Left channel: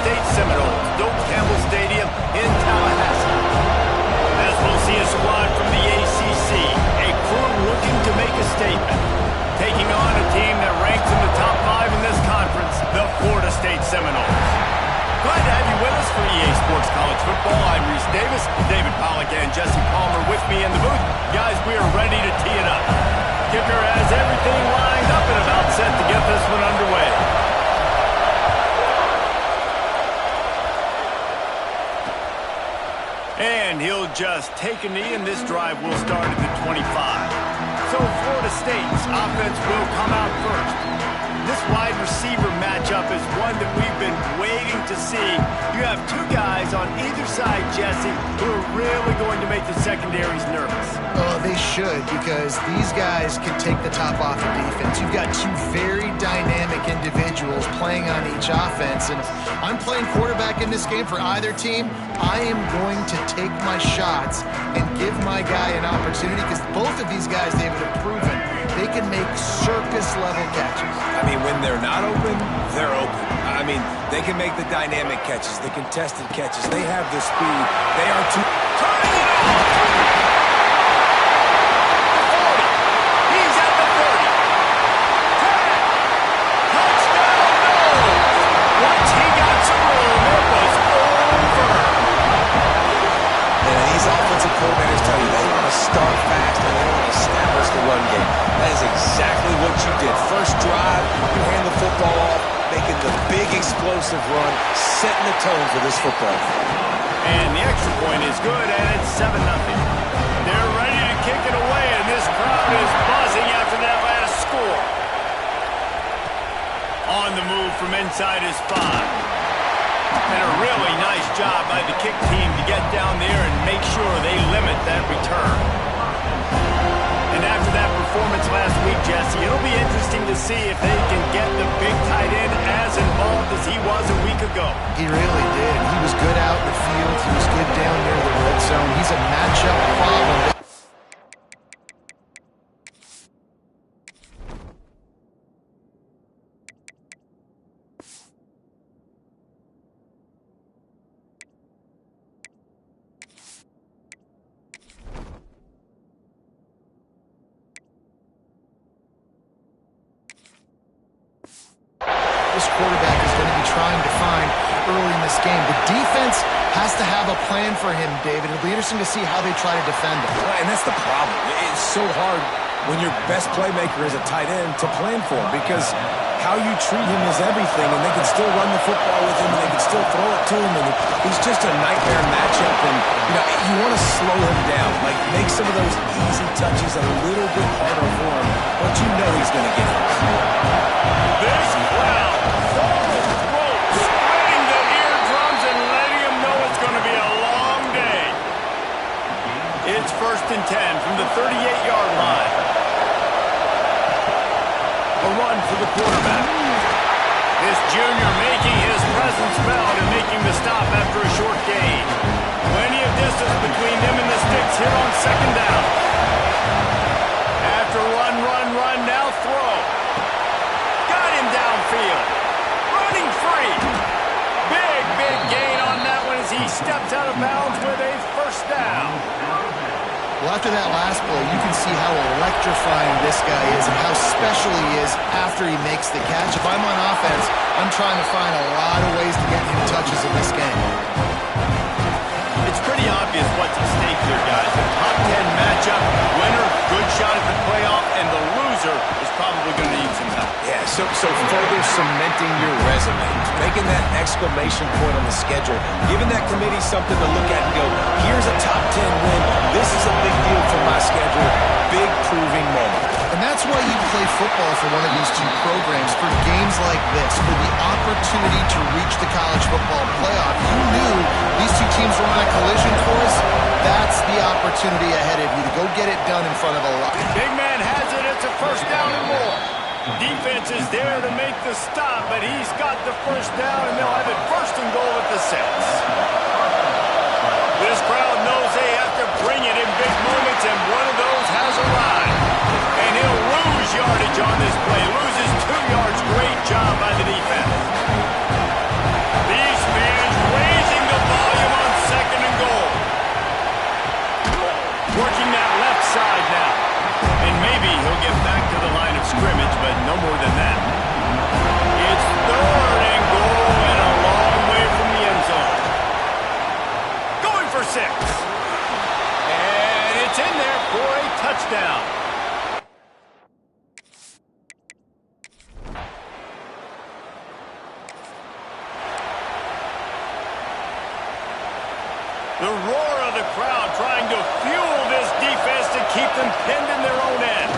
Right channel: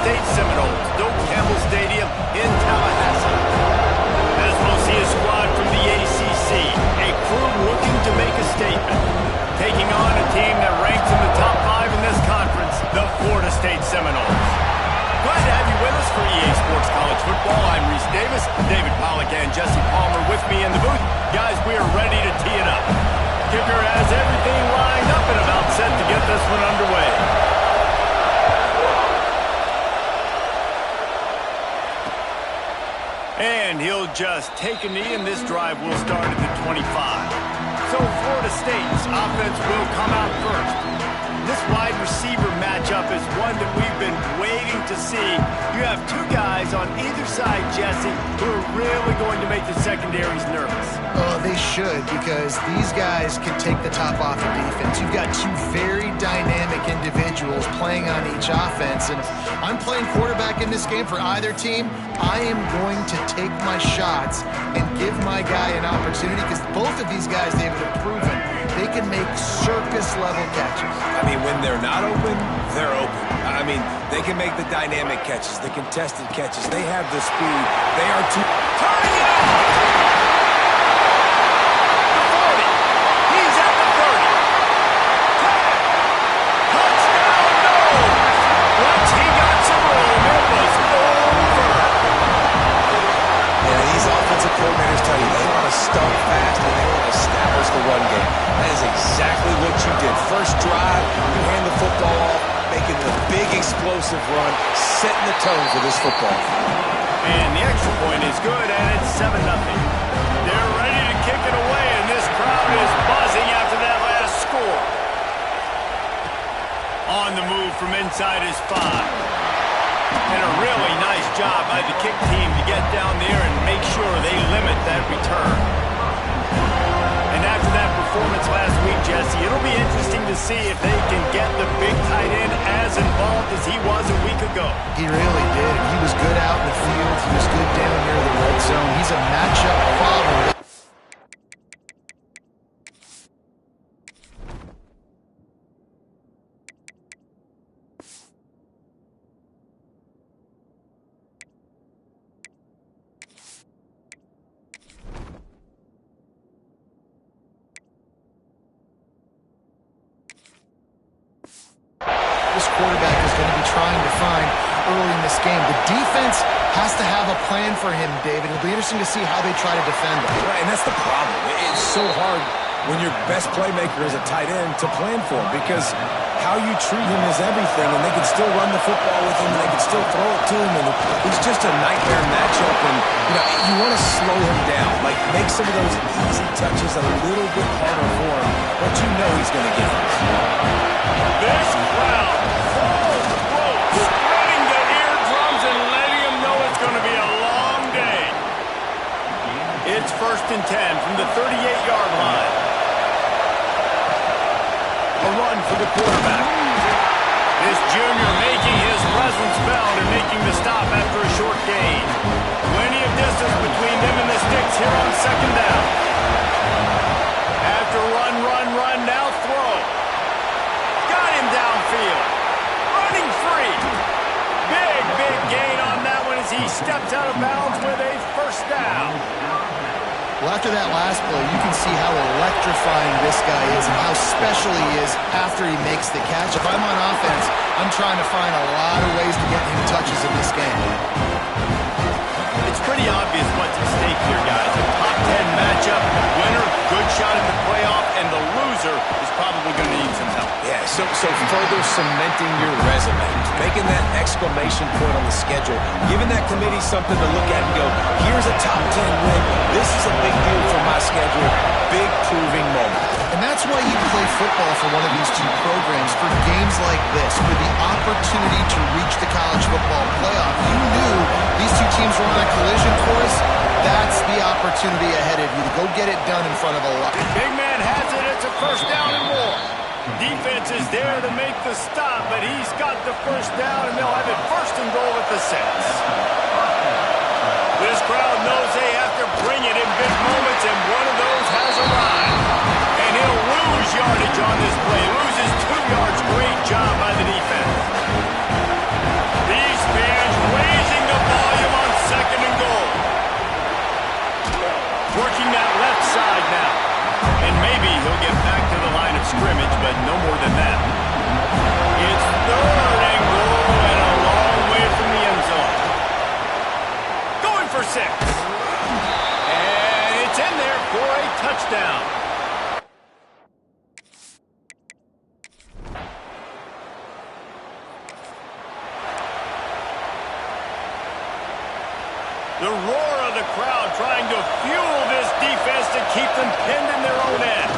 State Seminoles, Doak Campbell Stadium in Tallahassee. As we'll see a squad from the ACC, a crew looking to make a statement. Taking on a team that ranks in the top 5 in this conference, the Florida State Seminoles. Glad to have you with us for EA Sports College Football. I'm Reese Davis, David Pollack and Jesse Palmer with me in the booth. Guys, we are ready to tee it up. Kicker has everything lined up and about set to get this one underway. And he'll just take a knee, and this drive will start at the 25. So Florida State's offense will come out first. This wide receiver matchup is one that we've been waiting to see. You have two guys on either side, Jesse, who are really going to make the secondaries nervous. Oh, they should, because these guys can take the top off of defense. You've got two very dynamic individuals playing on each offense, and if I'm playing quarterback in this game for either team, I am going to take my shots and give my guy an opportunity, because both of these guys, David, have proven they can make circus-level catches. I mean, when they're not open, they're open. I mean, they can make the dynamic catches, the contested catches. They have the speed. They are turning it on! The 40. He's at the 30. 10. Touchdown, no! Once he got some room, it was over. And these offensive coordinators tell you they want to start fast and they want to establish the run game. That is exactly what you did. First drive, you hand the football off, making the big explosive run, setting the tone for this football. And the extra point is good, and it's 7-0. They're ready to kick it away, and this crowd is buzzing after that last score. On the move from inside is 5. And a really nice job by the kick team to get down there and make sure they limit that return. And after that performance last week, Jesse, it'll be interesting to see if they can get the big tight end as involved as he was a week ago. He really did. He was good out in the field. He was good down near the red zone. He's a matchup problem. This quarterback is going to be trying to find early in this game. The defense has to have a plan for him, David. It'll be interesting to see how they try to defend him. Right, and that's the problem. It's so hard when your best playmaker is a tight end to plan for him, because how you treat him is everything, and they can still run the football with him, and they can still throw it to him, and he's just a nightmare matchup, and, you want to slow him down, like make some of those easy touches a little bit harder for him, but you know he's going to get hit. This crowd, full throat, spreading the eardrums and letting them know it's going to be a long day. It's 1st and 10 from the 38-yard line. A run for the quarterback. This junior making his presence felt and making the stop after a short gain. Plenty of distance between them and the sticks here on 2nd down. After run, now throw. Got him downfield. Running free. Big gain on that one as he steps out of bounds with a 1st down. Well, after that last play, you can see how electrifying this guy is and how special he is after he makes the catch. If I'm on offense, I'm trying to find a lot of ways to get him touches in this game. It's pretty obvious what's at stake here, guys. A top 10 matchup, winner, good shot at the playoff, and the loser is probably going to need some help. Yeah, so further cementing your resume, making that exclamation point on the schedule, giving that committee something to look at and go, here's a top 10 win. This is a big deal for my schedule. Big proving moment. And that's why you play football for one of these two programs, for games like this, for the opportunity to reach the college football playoff. You knew these two teams were on a collision course. That's the opportunity ahead of you to go get it done in front of a lot. Big man has it. It's a 1st down and more. Defense is there to make the stop, but he's got the 1st down, and they'll have it 1st and goal at the 6. This crowd knows they have to bring it in big moments, and one of those has arrived. And he'll lose yardage on this play. Loses 2 yards. Great job by the defense. These get back to the line of scrimmage, but no more than that. It's 3rd and goal and a long way from the end zone. Going for 6. And it's in there for a touchdown. The roar of the crowd trying to fuel this defense to keep them pinned in their own end.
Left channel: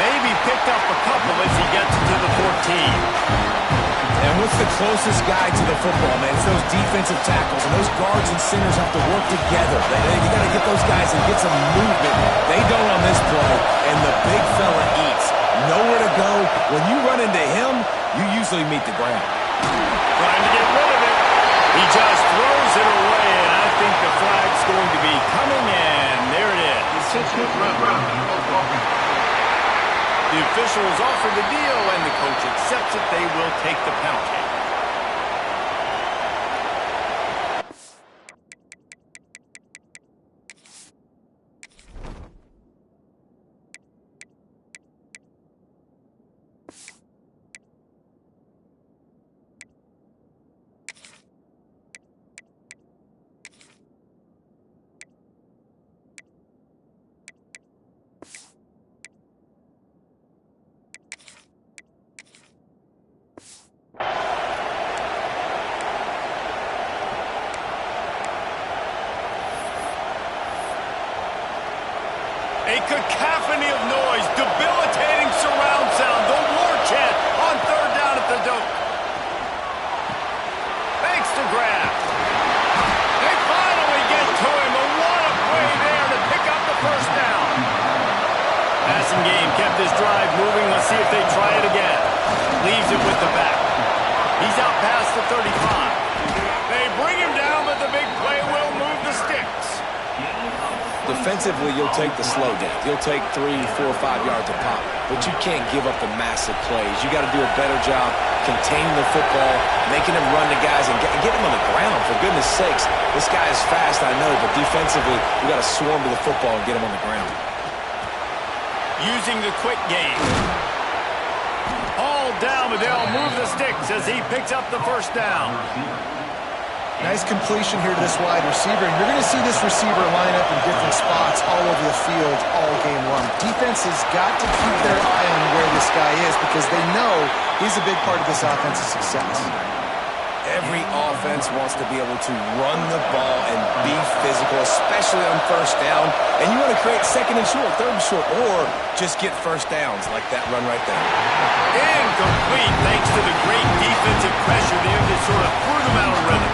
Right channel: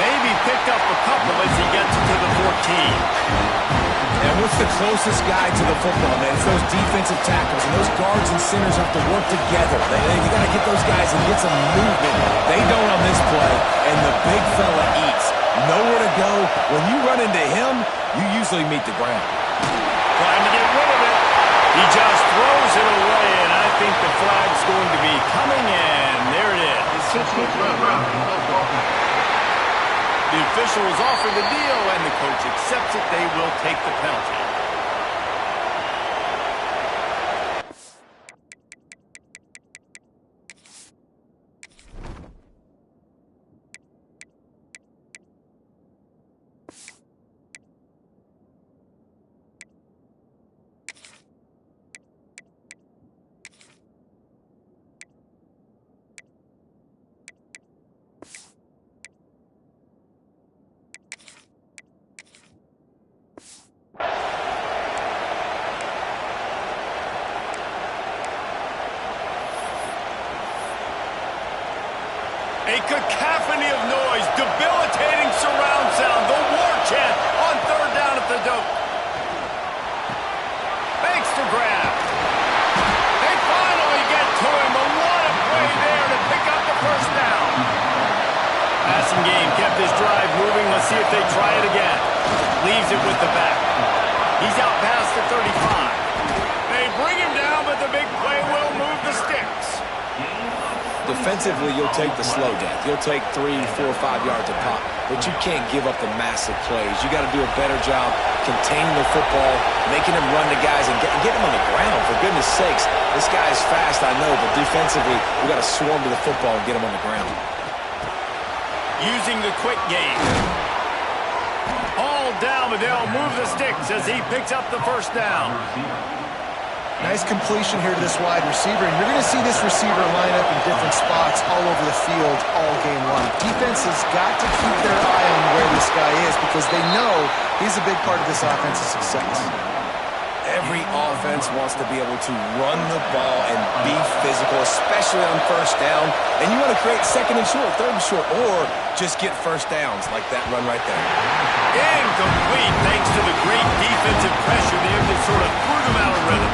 Maybe picked up a couple as he gets to the 14. And what's the closest guy to the football, man? It's those defensive tackles, and those guards and centers have to work together. You got to get those guys and get some movement. They don't on this play, and the big fella eats. Nowhere to go. When you run into him, you usually meet the ground. Trying to get rid of it. He just throws it away, and I think the flag's going to be coming in. There it is. The officials offer the deal, and the coach accepts it. They will take the penalty. A cacophony of noise, debilitating surround sound, the war chant on 3rd down at the Doak. Thanks to grab. They finally get to him, and what a play there to pick up the 1st down. Passing game kept this drive moving. Let's see if they try it again. Leaves it with the back. He's out past the 35. They bring him down, but the big play will move the sticks. Defensively, you'll take the slow death. You'll take 3, 4, 5 yards a pop, but you can't give up the massive plays. You got to do a better job containing the football, making him run to guys, and get him on the ground. For goodness sakes, this guy is fast, I know, but defensively, we got to swarm to the football and get him on the ground. Using the quick game. All down, but they'll move the sticks as he picks up the 1st down. Nice completion here to this wide receiver, and you're going to see this receiver line up in different spots all over the field all game long. Defense has got to keep their eye on where this guy is because they know he's a big part of this offense's success. Every offense wants to be able to run the ball and be physical, especially on 1st down. And you want to create 2nd and short, 3rd and short, or just get 1st downs like that run right there. Incomplete thanks to the great defensive pressure there that sort of threw them out of rhythm.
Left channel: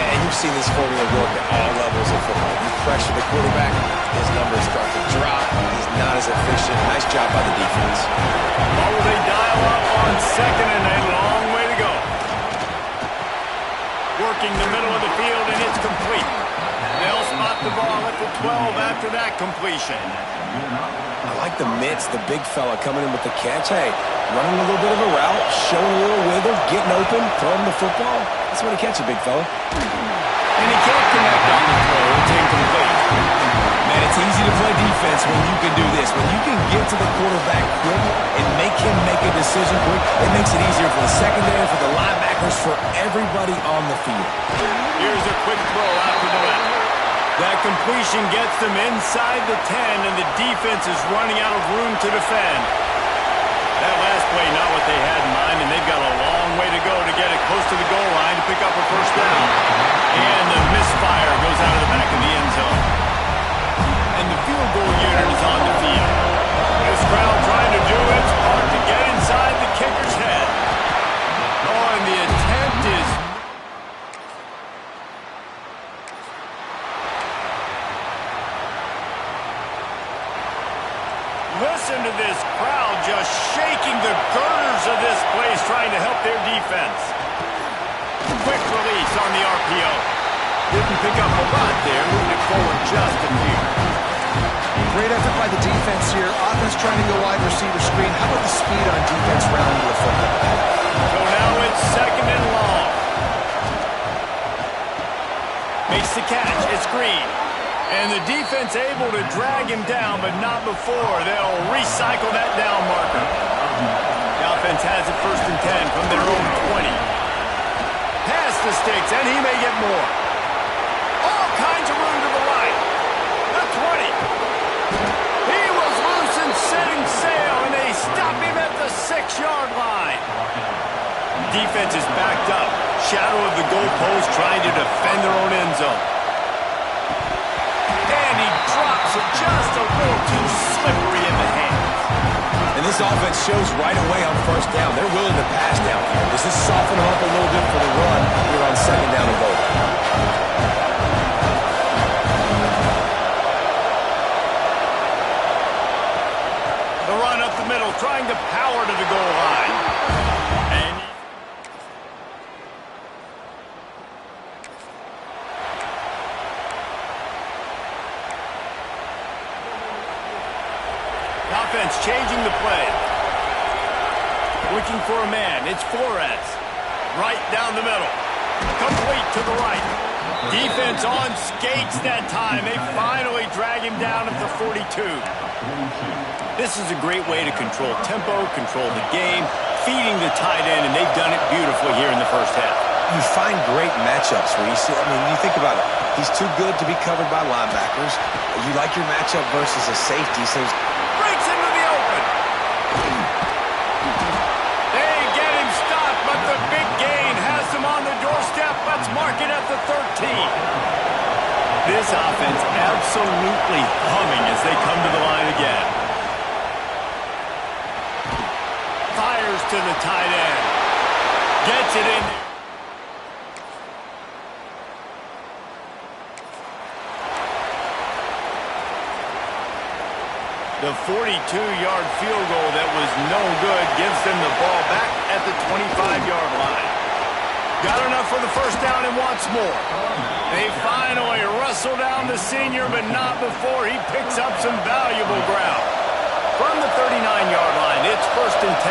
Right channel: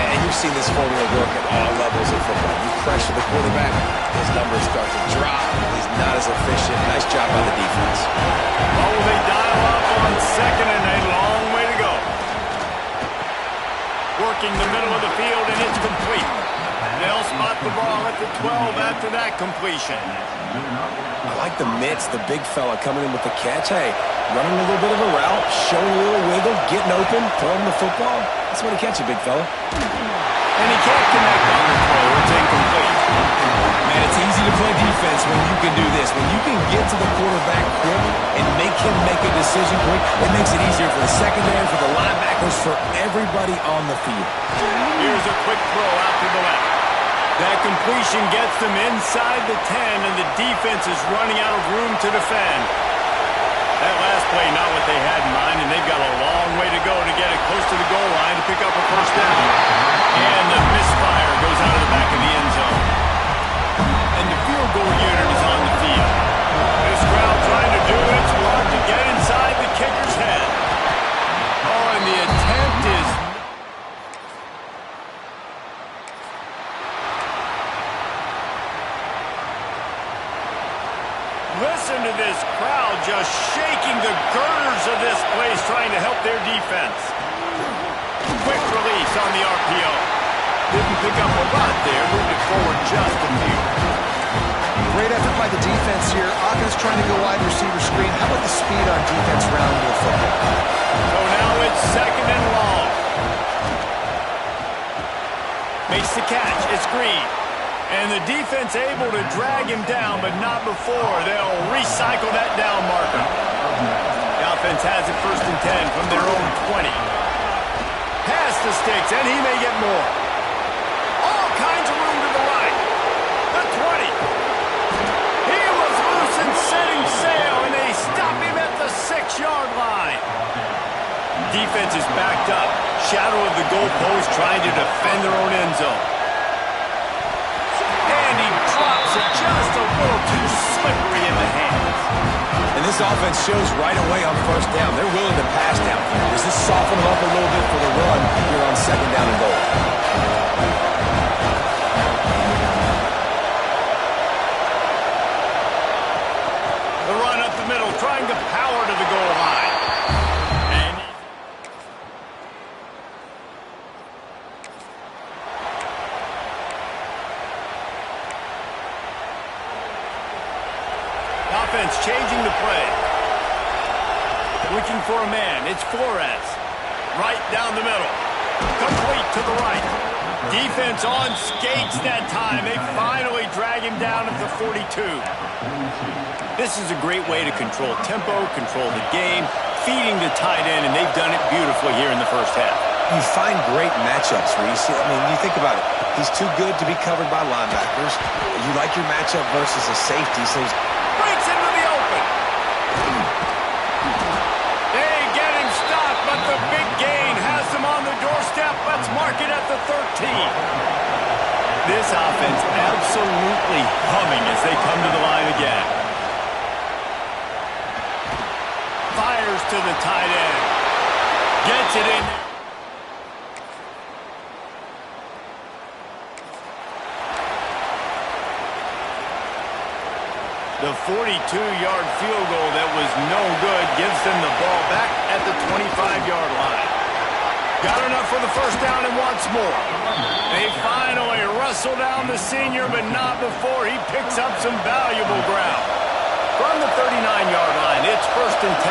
And you've seen this formula work at all levels of football. You pressure the quarterback, his numbers start to drop. He's not as efficient. Nice job by the defense. Oh, they dial up on 2nd and a long way to go. Working the middle of the field, and it's complete. They'll spot the ball at the 12 after that completion. I like the mitts, the big fella coming in with the catch. Hey, running a little bit of a route, showing a little wiggle, getting open, throwing the football. That's when he catches, big fella. And he can't connect on the throw. It's incomplete. Man, it's easy to play defense when you can do this. When you can get to the quarterback quick and make him make a decision quick, it makes it easier for the secondary, for the linebackers, for everybody on the field. Here's a quick throw out to the left. That completion gets them inside the 10, and the defense is running out of room to defend. That last play, not what they had in mind, and they've got a long way to go to get it close to the goal line to pick up a 1st down. And the misfire goes out of the back of the end zone. And the field goal unit is on the field. This crowd trying to do its part to get inside the kicker's head. Oh, and the attempt is... Listen to this crowd just shaking the girders of this place trying to help their defense. Quick release on the RPO. Didn't pick up a lot there, moved it forward just a few. Great effort by the defense here. Offense trying to go wide receiver screen. How about the speed on defense rounding the football? So now it's 2nd and long. Makes the catch. It's Green. And the defense able to drag him down, but not before. They'll recycle that down marker. The offense has it 1st and 10 from their own 20. Pass the sticks, and he may get more. All kinds of room to the right. The 20. He was loose and setting sail, and they stop him at the 6-yard line. Defense is backed up. Shadow of the goalpost trying to defend their own end zone. And he drops it just a little too slippery in the hands. And this offense shows right away on 1st down. They're willing to pass down here. Does this soften them up a little bit for the run here on 2nd down and goal? The run up the middle, trying to power to the goal line. And the offense changing the play. Looking for a man. It's Flores. Right down the middle. Complete to the right. Defense on skates that time. They finally drag him down at the 42. This is a great way to control tempo, control the game, feeding the tight end, and they've done it beautifully here in the 1st half. You find great matchups, Reese. I mean, you think about it. He's too good to be covered by linebackers. You like your matchup versus a safety, so breaks into the open. They get him stopped, but the big gain has him on the doorstep. Let's mark it at the 13. This offense absolutely humming as they come to the line again. Fires to the tight end. Gets it in there. The 42-yard field goal that was no good gives them the ball back at the 25-yard line. Got enough for the 1st down and wants more. They finally wrestle down the senior, but not before he picks up some valuable ground. From the 39-yard line, it's 1st and 10.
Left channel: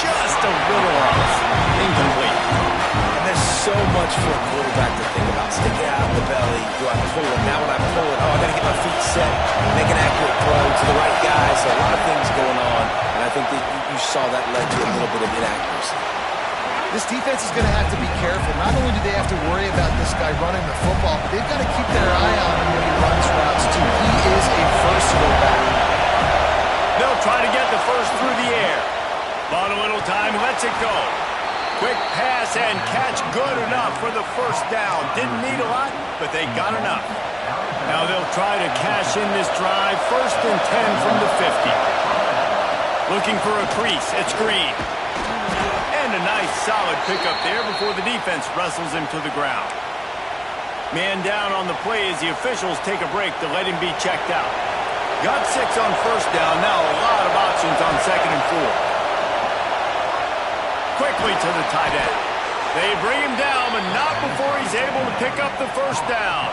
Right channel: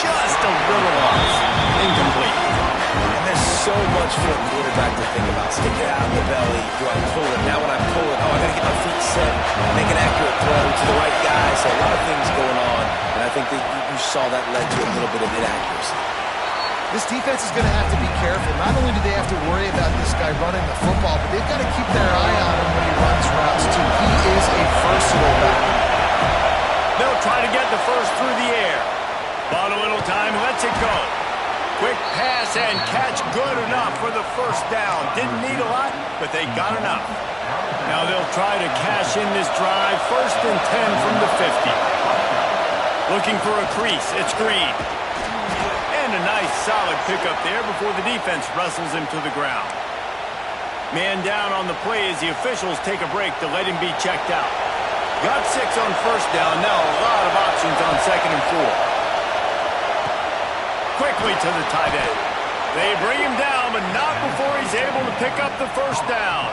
Just a little off. Incomplete. And there's so much for a quarterback to think about. Stick it out in the belly. Do I pull it? Now when I pull it, I got to get my feet set, make an accurate throw to the right guy. So a lot of things going on, and I think that you saw that led to a little bit of inaccuracy. This defense is going to have to be careful. Not only do they have to worry about this guy running the football, but they've got to keep their eye on him when he runs routes, too. He is a versatile back. They'll try to get the first through the air. Bought a little time, lets it go. Quick pass and catch good enough for the 1st down. Didn't need a lot, but they got enough. Now they'll try to cash in this drive. 1st and 10 from the 50. Looking for a crease. It's Green. And a nice solid pickup there before the defense wrestles him to the ground. Man down on the play as the officials take a break to let him be checked out. Got 6 on 1st down. Now a lot of options on 2nd and 4. Quickly to the tight end. They bring him down, but not before he's able to pick up the 1st down.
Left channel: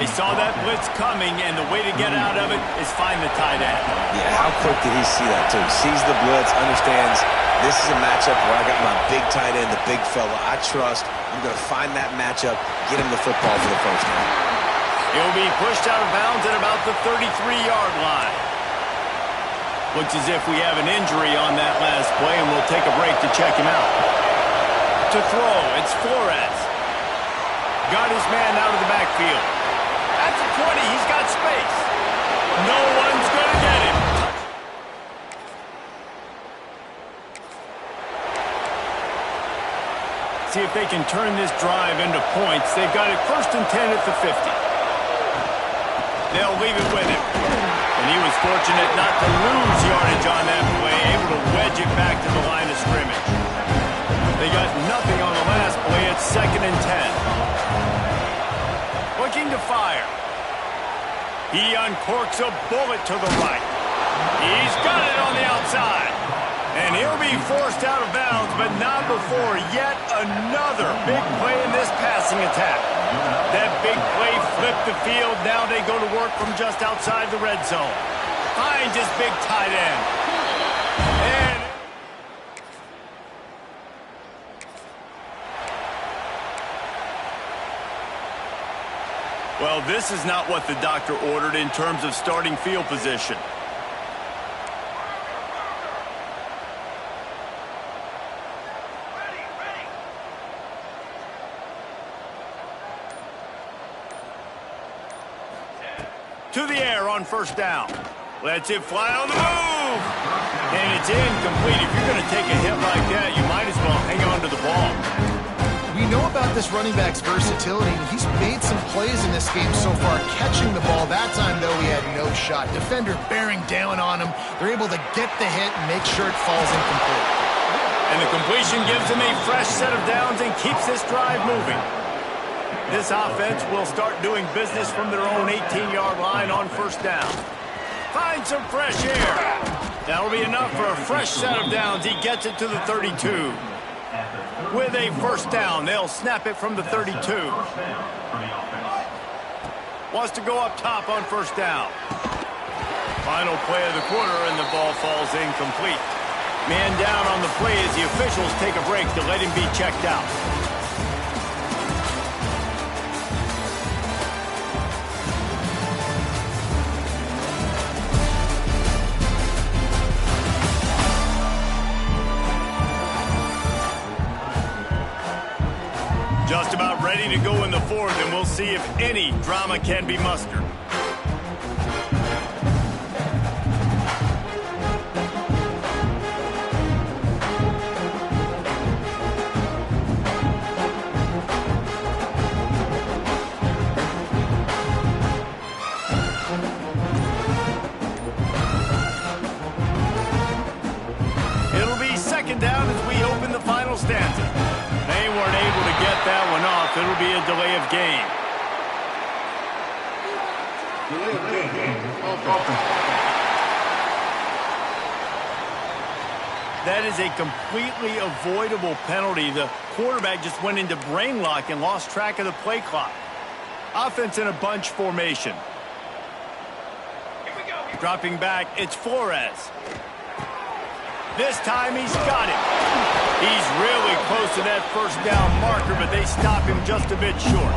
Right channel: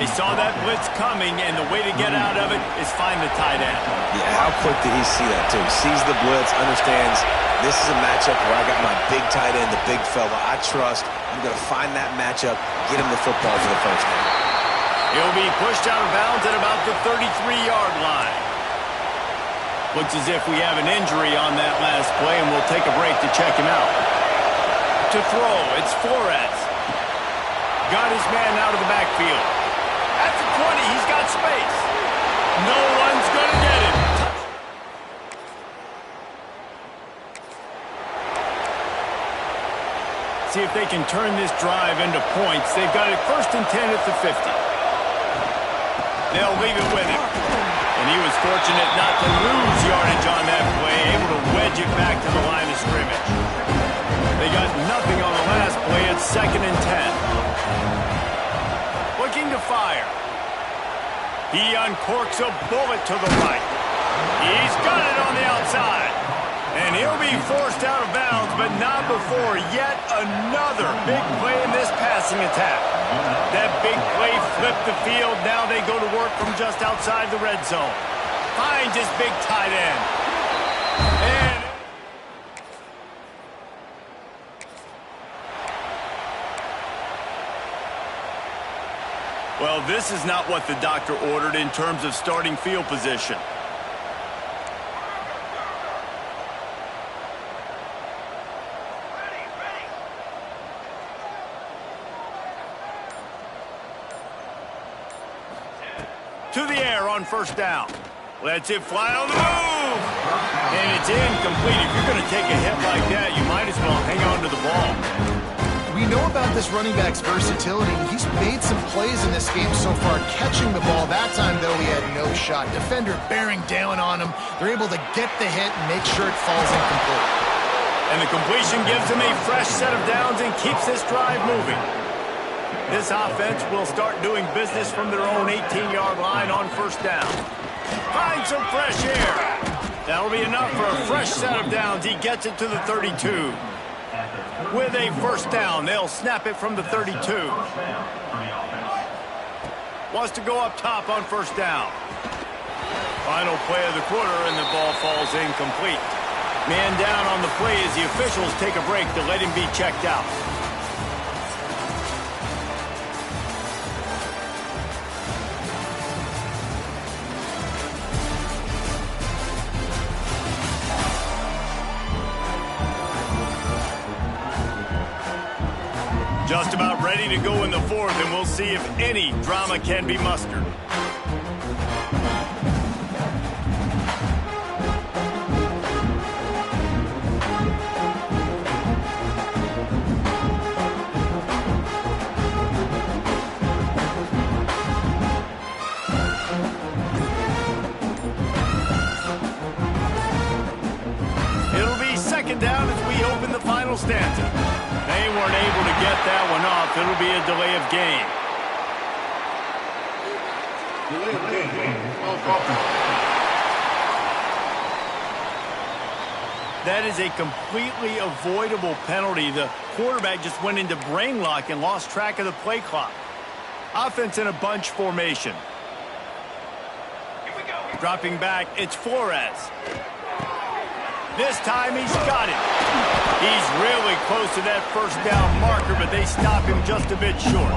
They saw that blitz coming, and the way to get out of it is find the tight end. Yeah, how quick did he see that, too? Sees the blitz, understands this is a matchup where I got my big tight end, the big fella I trust. I'm going to find that matchup, get him the football for the 1st down. He'll be pushed out of bounds at about the 33-yard line. Looks as if we have an injury on that last play, and we'll take a break to check him out. To throw, it's Flores. Got his man out of the backfield. At the 20, he's got space. No one's going to get him. See if they can turn this drive into points. They've got it 1st and 10 at the 50. They'll leave it with him. And he was fortunate not to lose yardage on that play, able to wedge it back to the line of scrimmage. They got nothing on the last play. It's 2nd and 10. Looking to fire. He uncorks a bullet to the right. He's got it on the outside. And he'll be forced out of bounds, but not before yet another big play in this passing attack. That big play flipped the field. Now they go to work from just outside the red zone. Finds his big tight end. And Well, this is not what the doctor ordered in terms of starting field position. To the air on first down. Lets it fly on the move. And it's incomplete. If you're going to take a hit like that, you might as well hang on to the ball. We know about this running back's versatility. He's made some plays in this game so far, catching the ball. That time, though, he had no shot. Defender bearing down on him. They're able to get the hit and make sure it falls incomplete. And the completion gives him a fresh set of downs and keeps this drive moving. This offense will start doing business from their own 18-yard line on first down. Find some fresh air. That'll be enough for a fresh set of downs. He gets it to the 32. With a first down, they'll snap it from the 32. Wants to go up top on first down. Final play of the quarter, and the ball falls incomplete. Man down on the play as the officials take a break to let him be checked out. Just about ready to go in the fourth, and we'll see if any drama can be mustered. It'll be second down as we open the final stanza. They weren't able to get that one off. It'll be a delay of game. That is a completely avoidable penalty. The quarterback just went into brain lock and lost track of the play clock. Offense in a bunch formation. Dropping back, it's Flores. This time he's got it. He's really close to that first down marker, but they stop him just a bit short.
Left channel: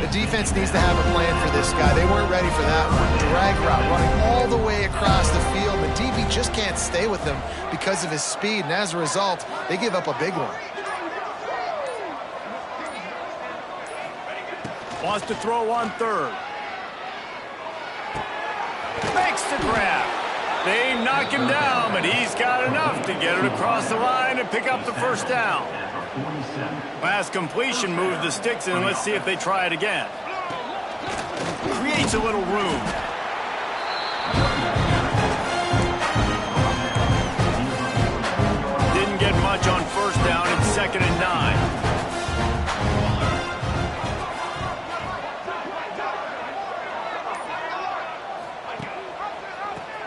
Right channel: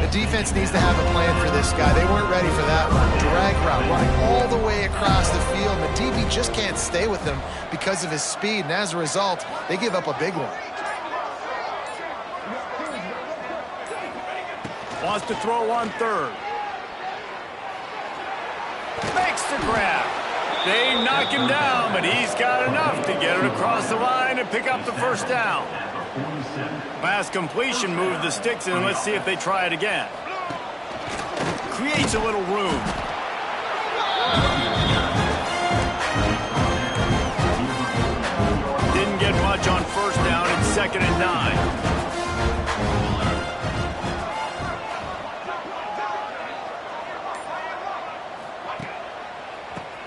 The defense needs to have a plan for this guy. They weren't ready for that one. Drag route running all the way across the field. The DB just can't stay with him because of his speed, and as a result, they give up a big one. Wants to throw on third. Makes the grab. They knock him down, but he's got enough to get it across the line and pick up the first down. Last completion moved the sticks, and let's see if they try it again. Creates a little room. Didn't get much on first down. It's 2nd and 9.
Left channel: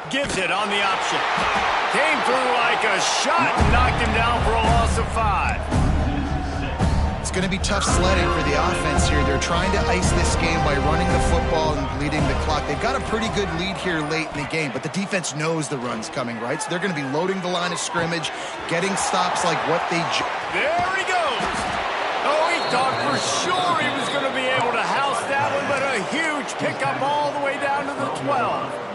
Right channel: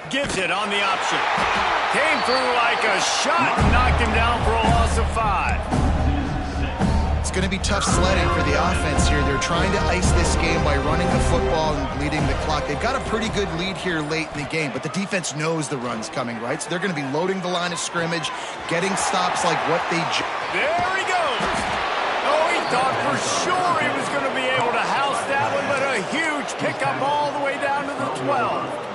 Gives it on the option. Came through like a shot and knocked him down for a loss of 5. It's going to be tough sledding for the offense here. They're trying to ice this game by running the football and bleeding the clock. They've got a pretty good lead here late in the game, but the defense knows the run's coming, right? So they're going to be loading the line of scrimmage, getting stops like what they... There he goes. Oh, he thought for sure he was going to be able to house that one, but a huge pickup all the way down to the 12.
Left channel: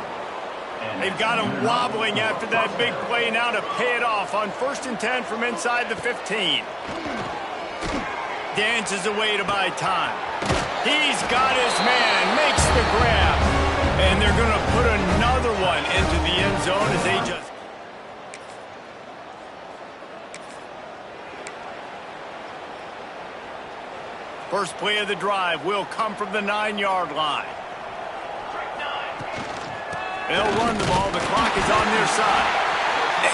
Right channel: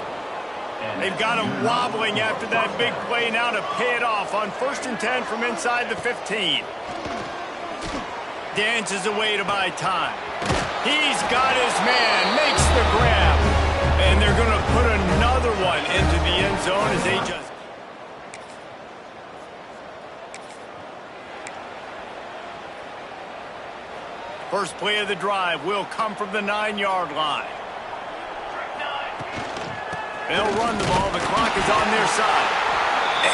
They've got him wobbling after that big play now to pay it off on 1st and 10 from inside the 15. Dances away to buy time. He's got his man, makes the grab, and they're going to put another one into the end zone as they just... First play of the drive will come from the 9-yard line. They'll run the ball. The clock is on their side.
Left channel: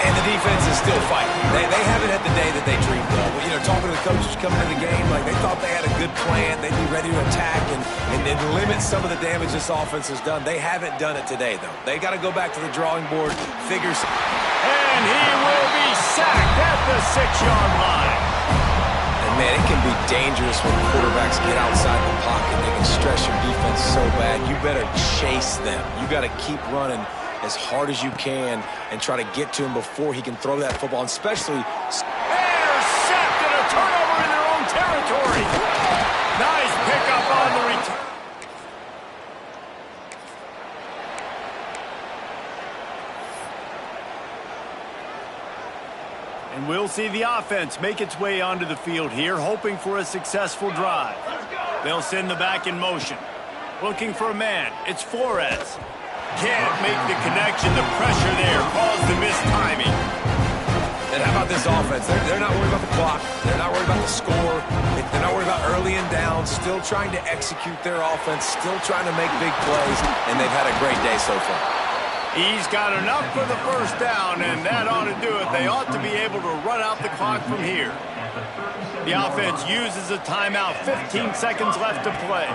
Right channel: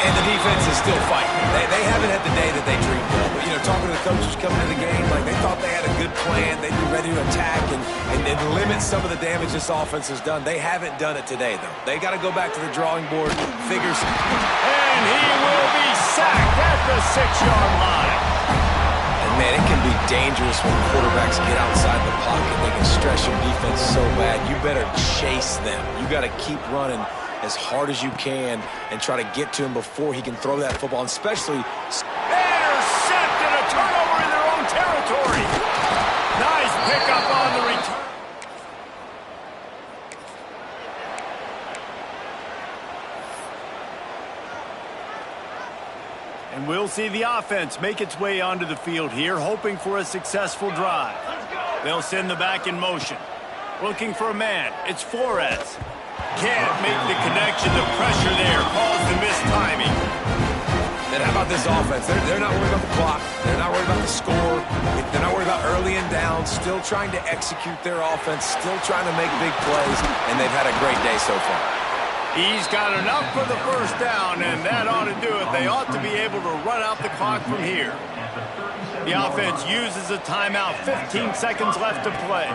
And the defense is still fighting. They haven't had the day that they dreamed of. But, you know, talking to the coaches coming into the game, like they thought they had a good plan. They'd be ready to attack and limit some of the damage this offense has done. They haven't done it today, though. They got to go back to the drawing board, figure some... And he will be sacked at the 6-yard line. And, man, it can be dangerous when quarterbacks get outside the pocket. They can stress your defense so bad. You better chase them. You got to keep running as hard as you can and try to get to him before he can throw that football, and especially... Intercepted, a turnover in their own territory. Nice pickup on the return. And we'll see the offense make its way onto the field here, hoping for a successful drive. They'll send the back in motion. Looking for a man. It's Flores. Can't make the connection. The pressure there caused the missed timing. And how about this offense? They're not worried about the clock. They're not worried about the score. They're not worried about early and down. Still trying to execute their offense. Still trying to make big plays. And they've had a great day so far. He's got enough for the first down, and that ought to do it. They ought to be able to run out the clock from here. The offense uses a timeout. 15 seconds left to play.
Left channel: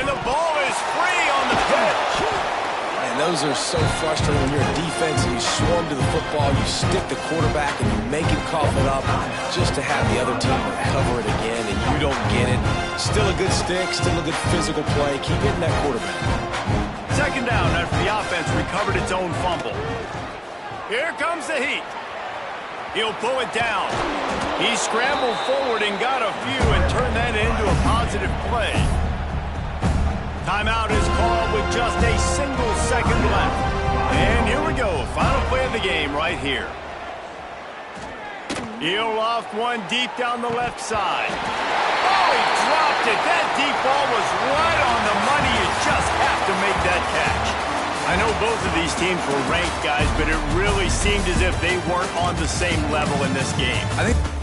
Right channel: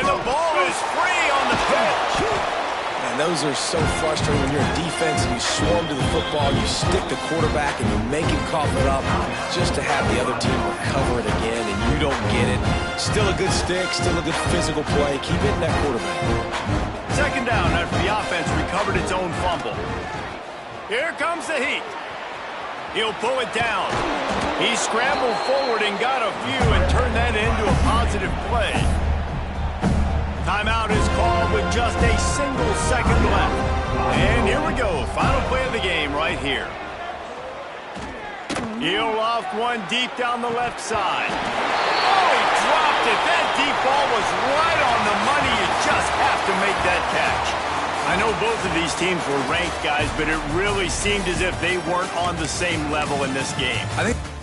And the ball is free on the pitch. Man, those are so frustrating when you're a defense and you swarm to the football, you stick the quarterback, and you make him cough it up just to have the other team recover it again, and you don't get it. Still a good stick, still a good physical play. Keep hitting that quarterback. Second down after the offense recovered its own fumble. Here comes the heat. He'll pull it down. He scrambled forward and got a few and turned that into a positive play. Timeout is called with just a single second left. And here we go. Final play of the game right here. He'll loft one deep down the left side. Oh, he dropped it. That deep ball was right on the money. You just have to make that catch. I know both of these teams were ranked, guys, but it really seemed as if they weren't on the same level in this game. I think